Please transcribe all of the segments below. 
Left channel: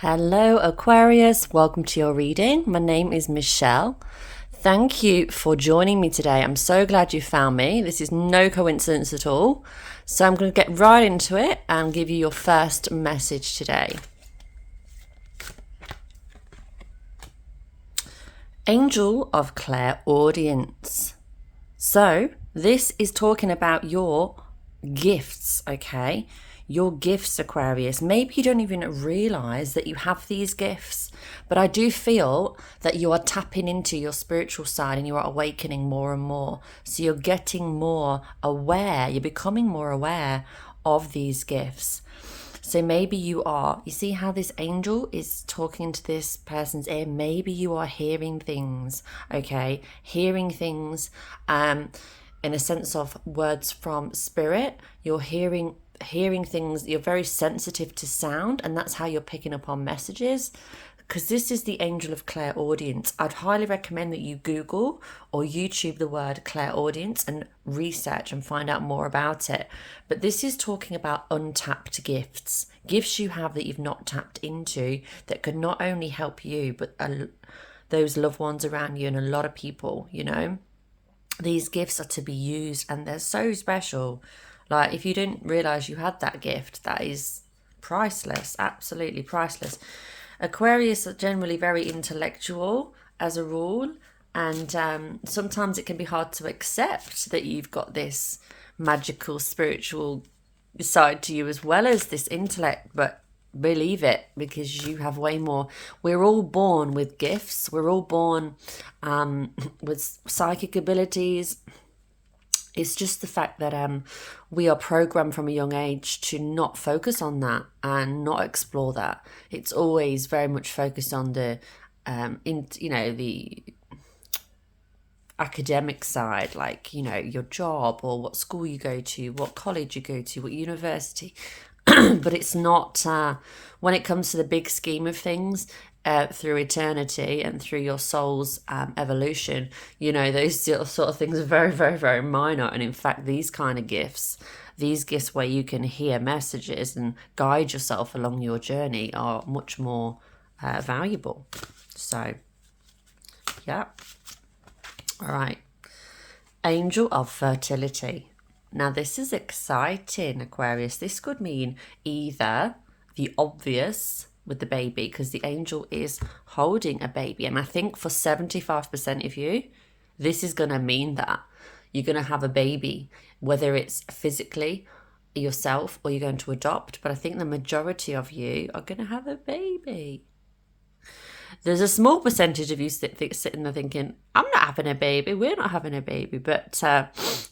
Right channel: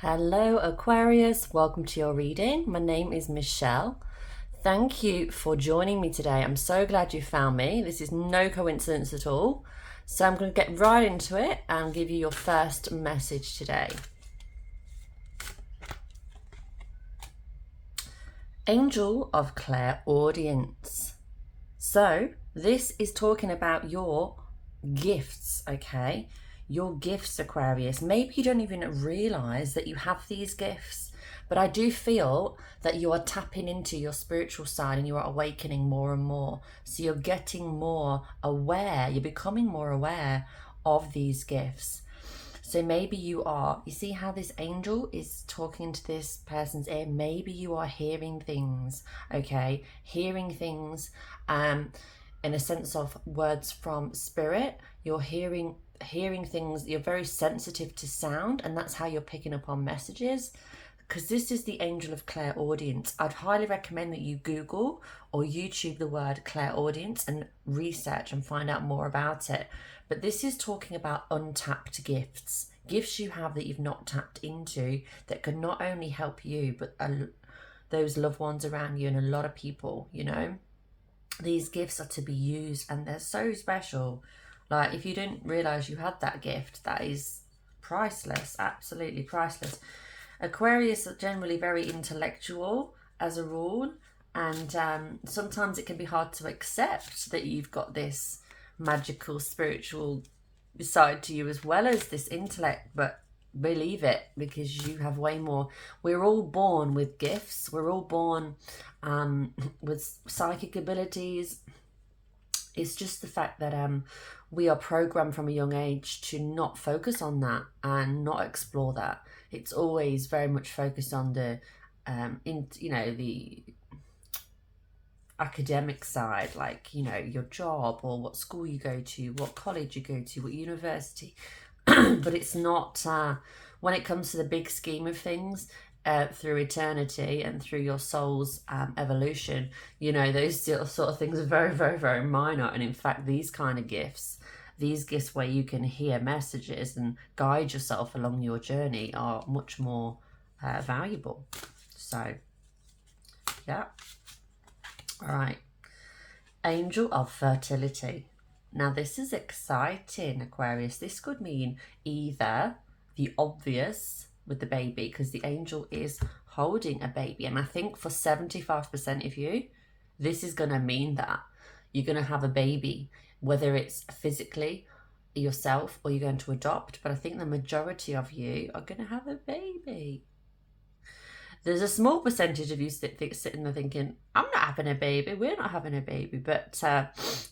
Hello, Aquarius. Welcome to your reading. My name is Michelle. Thank you for joining me today. I'm so glad you found me. This is no coincidence at all. So I'm going to get right into it and give you your first message today. Angel of Clairaudience. So this is talking about your gifts, okay? Your gifts, Aquarius. Maybe you don't even realize that you have these gifts, but I do feel that you are tapping into your spiritual side and you are awakening more and more. So you're getting more aware, you're becoming more aware of these gifts. So maybe you see how this angel is talking to this person's ear? Maybe you are hearing things, okay? Hearing things in a sense of words from spirit. You're hearing things, you're very sensitive to sound, and that's how you're picking up on messages. Because this is the angel of clairaudience. I'd highly recommend that you Google or YouTube the word clairaudience and research and find out more about it. But this is talking about untapped gifts, gifts you have that you've not tapped into that can not only help you, but those loved ones around you and a lot of people, you know. These gifts are to be used and they're so special. Like, if you didn't realize you had that gift, that is priceless, absolutely priceless. Aquarius are generally very intellectual as a rule, and sometimes it can be hard to accept that you've got this magical spiritual side to you as well as this intellect, but believe it, because you have way more. We're all born with gifts. We're all born with psychic abilities. It's just the fact that we are programmed from a young age to not focus on that and not explore that. It's always very much focused on the the academic side, like, your job or what school you go to, what college you go to, what university. But it's not when it comes to the big scheme of things, through eternity and through your soul's evolution, those sort of things are very, very, very minor. And in fact, these gifts where you can hear messages and guide yourself along your journey are much more valuable. So, yeah. All right. Angel of Fertility. Now, this is exciting, Aquarius. This could mean either the obvious with the baby, because the angel is holding a baby. And I think for 75% of you, this is going to mean that you're going to have a baby, whether it's physically yourself or you're going to adopt. But I think the majority of you are going to have a baby. There's a small percentage of you sitting there thinking, I'm not having a baby, we're not having a baby, but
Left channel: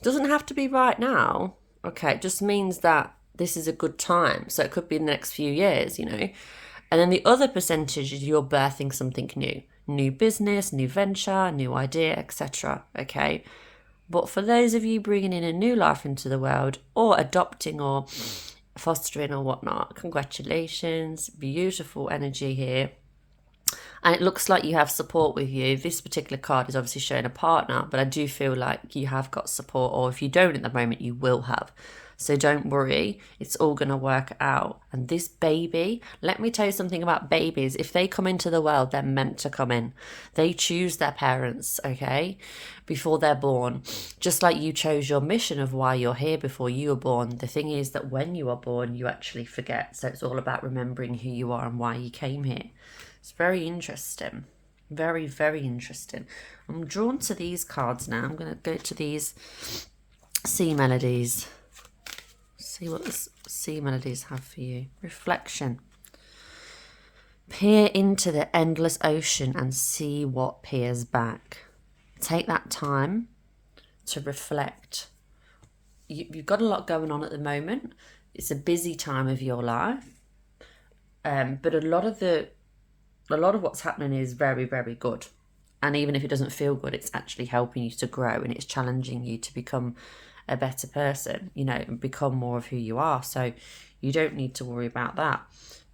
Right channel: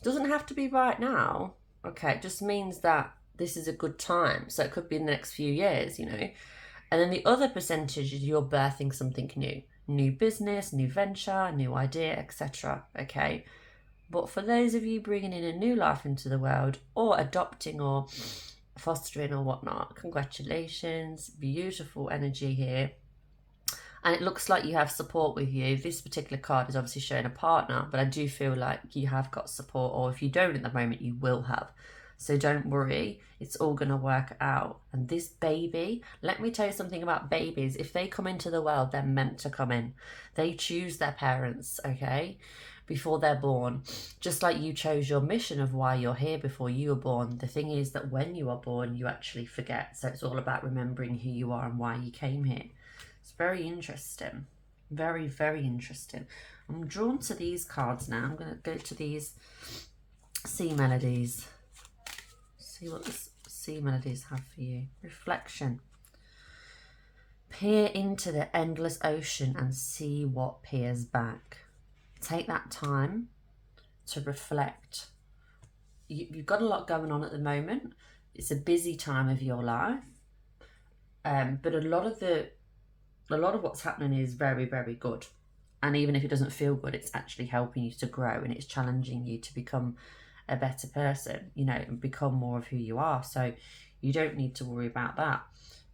doesn't have to be right now. Okay, it just means that this is a good time. So it could be in the next few years, And then the other percentage is you're birthing something new business, new venture, new idea, etc. Okay, but for those of you bringing in a new life into the world or adopting or fostering or whatnot, congratulations, beautiful energy here. And it looks like you have support with you. This particular card is obviously showing a partner, but I do feel like you have got support, or if you don't at the moment, you will have. So don't worry, it's all going to work out. And this baby, let me tell you something about babies. If they come into the world, they're meant to come in. They choose their parents, okay, before they're born. Just like you chose your mission of why you're here before you were born. The thing is that when you are born, you actually forget. So it's all about remembering who you are and why you came here. It's very interesting. Very, very interesting. I'm drawn to these cards now. I'm going to go to these sea melodies. See what the sea melodies have for you. Reflection. Peer into the endless ocean and see what peers back. Take that time to reflect. You've got a lot going on at the moment. It's a busy time of your life. But a lot of what's happening is very, very good. And even if it doesn't feel good, it's actually helping you to grow and it's challenging you to become a better person, and become more of who you are. So you don't need to worry about that.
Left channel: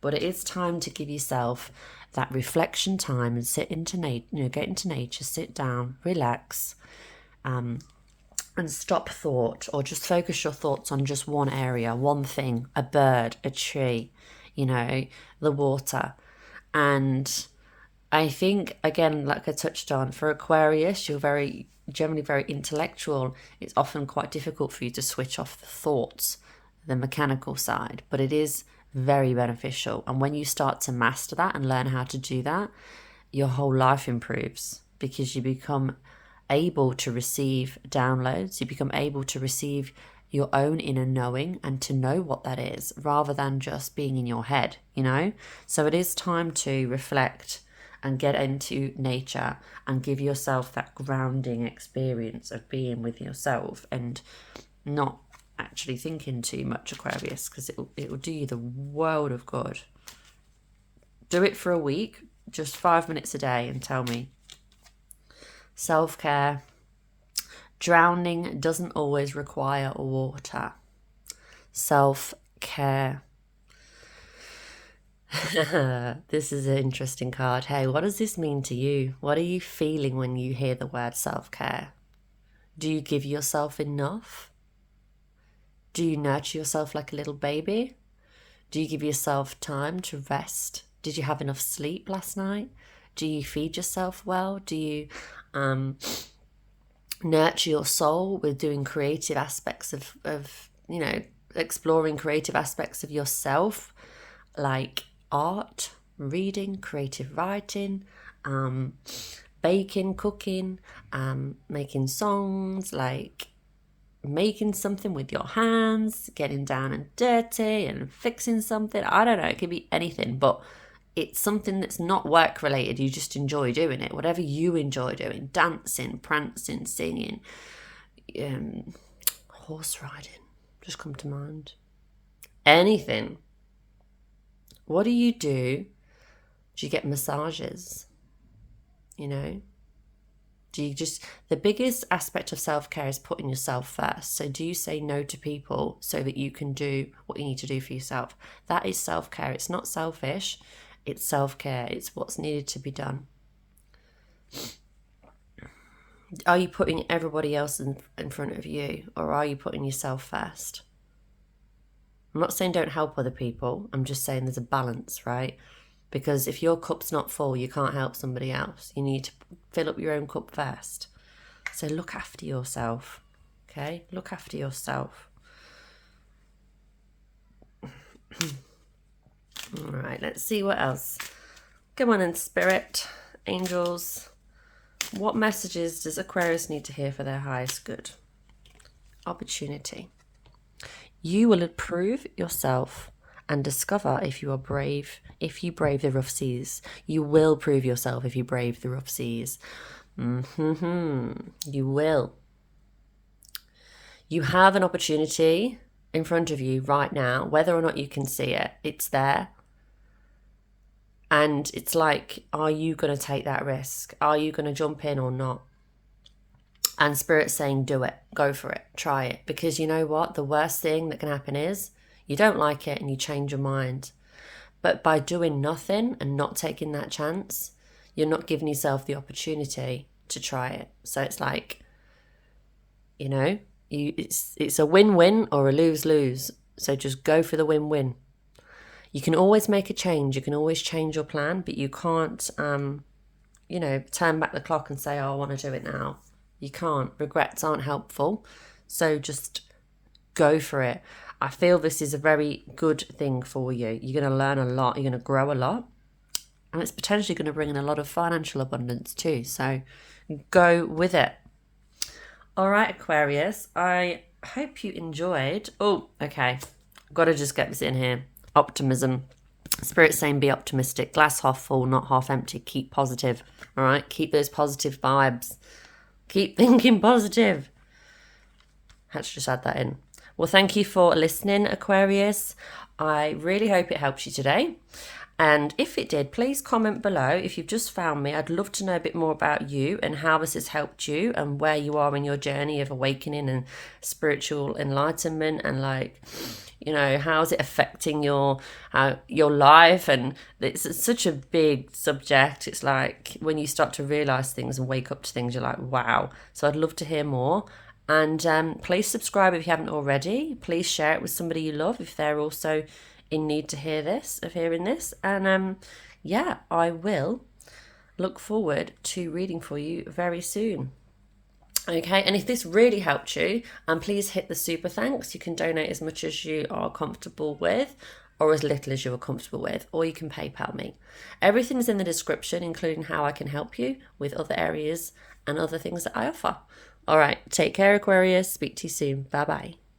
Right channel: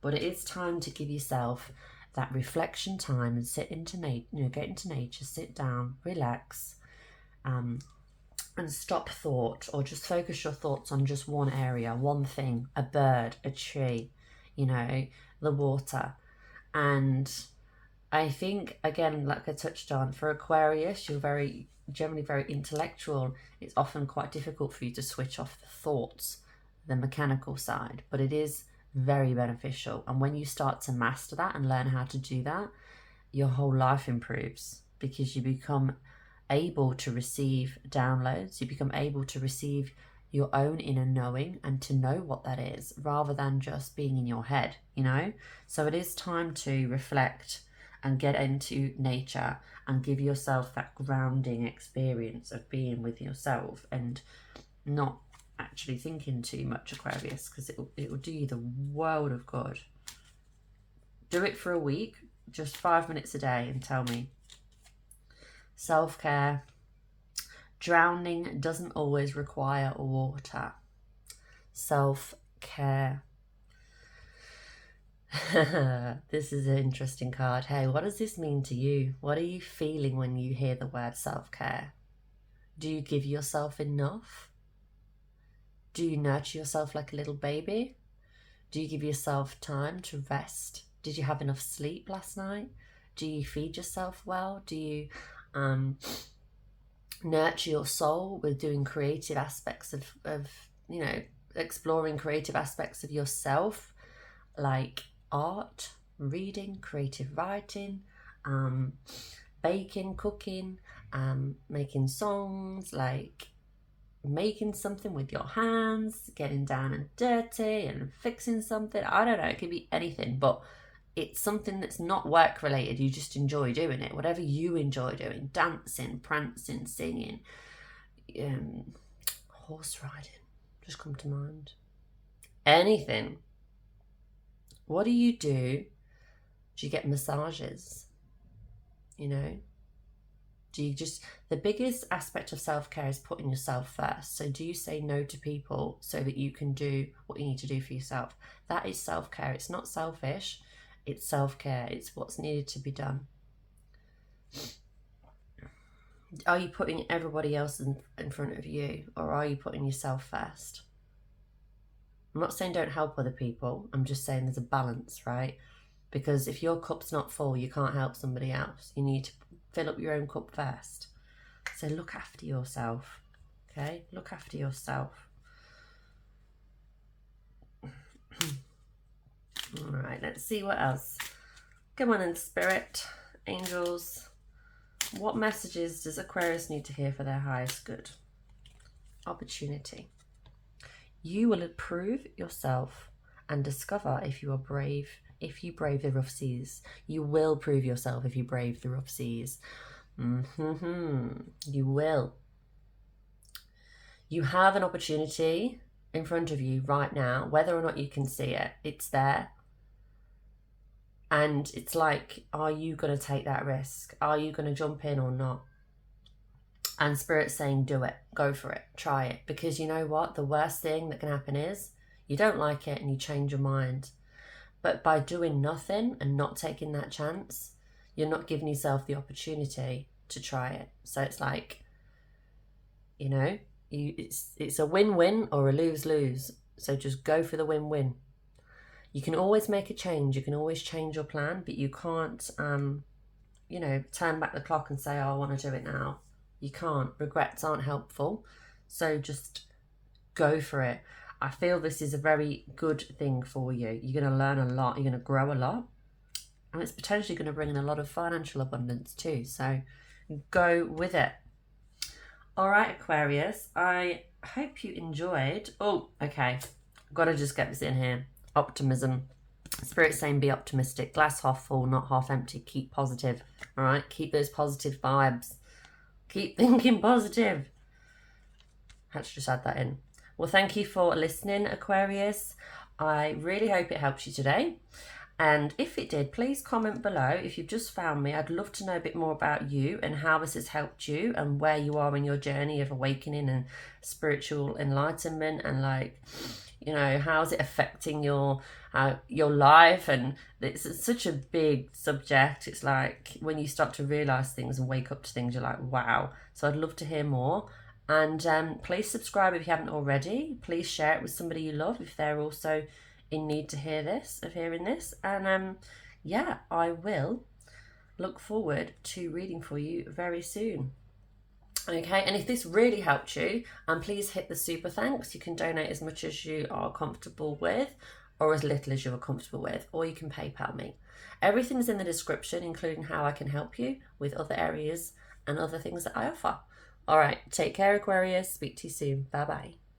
But it is time to give yourself that reflection time and sit into nature, get into nature, sit down, relax, and stop thought, or just focus your thoughts on just one area, one thing, a bird, a tree, the water. And I think, again, like I touched on, for Aquarius, you're generally very intellectual. It's often quite difficult for you to switch off the thoughts, the mechanical side, but it is very beneficial. And when you start to master that and learn how to do that, your whole life improves, because you become able to receive downloads. You become able to receive your own inner knowing and to know what that is, rather than just being in your head, you know? So it is time to reflect and get into nature and give yourself that grounding experience of being with yourself and not actually thinking too much, Aquarius, because it will do you the world of good. Do it for a week, just 5 minutes a day, and tell me. Self-care. Drowning doesn't always require water. Self-care. This is an interesting card. Hey, what does this mean to you? What are you feeling when you hear the word self-care? Do you give yourself enough? Do you nurture yourself like a little baby? Do you give yourself time to rest? Did you have enough sleep last night? Do you feed yourself well? Do you nurture your soul with doing creative aspects of exploring creative aspects of yourself, like art, reading, creative writing, baking, cooking, making songs, like making something with your hands, getting down and dirty and fixing something. I don't know, it could be anything, but it's something that's not work related. You just enjoy doing it. Whatever you enjoy doing, dancing, prancing, singing, horse riding, just come to mind. Anything. What do you do? Do you get massages? You know? Do you just, the biggest aspect of self-care is putting yourself first. So do you say no to people so that you can do what you need to do for yourself? That is self-care. It's not selfish. It's self-care. It's what's needed to be done. Are you putting everybody else in front of you, or are you putting yourself first? I'm not saying don't help other people. I'm just saying there's a balance, right? Because if your cup's not full, you can't help somebody else. You need to fill up your own cup first. So look after yourself, okay? Look after yourself. All right, let's see what else. Come on in, Spirit, angels. What messages does Aquarius need to hear for their highest good? Opportunity. You will improve yourself and discover if you are brave, if you brave the rough seas. You will prove yourself if you brave the rough seas. You will. You have an opportunity in front of you right now, whether or not you can see it, it's there. And it's like, are you going to take that risk? Are you going to jump in or not? And Spirit's saying, do it, go for it, try it. Because you know what? The worst thing that can happen is you don't like it and you change your mind. But by doing nothing and not taking that chance, you're not giving yourself the opportunity to try it. So it's like, you know, it's a win-win or a lose-lose. So just go for the win-win. You can always make a change. You can always change your plan, but you can't, turn back the clock and say, oh, I want to do it now. You can't. Regrets aren't helpful. So just go for it. I feel this is a very good thing for you. You're going to learn a lot. You're going to grow a lot. And it's potentially going to bring in a lot of financial abundance too. So go with it. All right, Aquarius. I hope you enjoyed. Oh, okay. I've got to just get this in here. Optimism. Spirit saying be optimistic. Glass half full, not half empty. Keep positive. All right. Keep those positive vibes. Keep thinking positive. Had to just add that in. Well, thank you for listening, Aquarius. I really hope it helps you today. And if it did, please comment below. If you've just found me, I'd love to know a bit more about you and how this has helped you and where you are in your journey of awakening and spiritual enlightenment, and how is it affecting your life. And it's such a big subject. It's like when you start to realize things and wake up to things, you're like, wow. So I'd love to hear more. And please subscribe if you haven't already. Please share it with somebody you love if they're also in need to hearing this. And yeah, I will look forward to reading for you very soon. Okay, and if this really helped you, please hit the super thanks. You can donate as much as you are comfortable with, or as little as you are comfortable with, or you can PayPal me. Everything's in the description, including how I can help you with other areas and other things that I offer. All right, take care, Aquarius. Speak to you soon. Bye bye.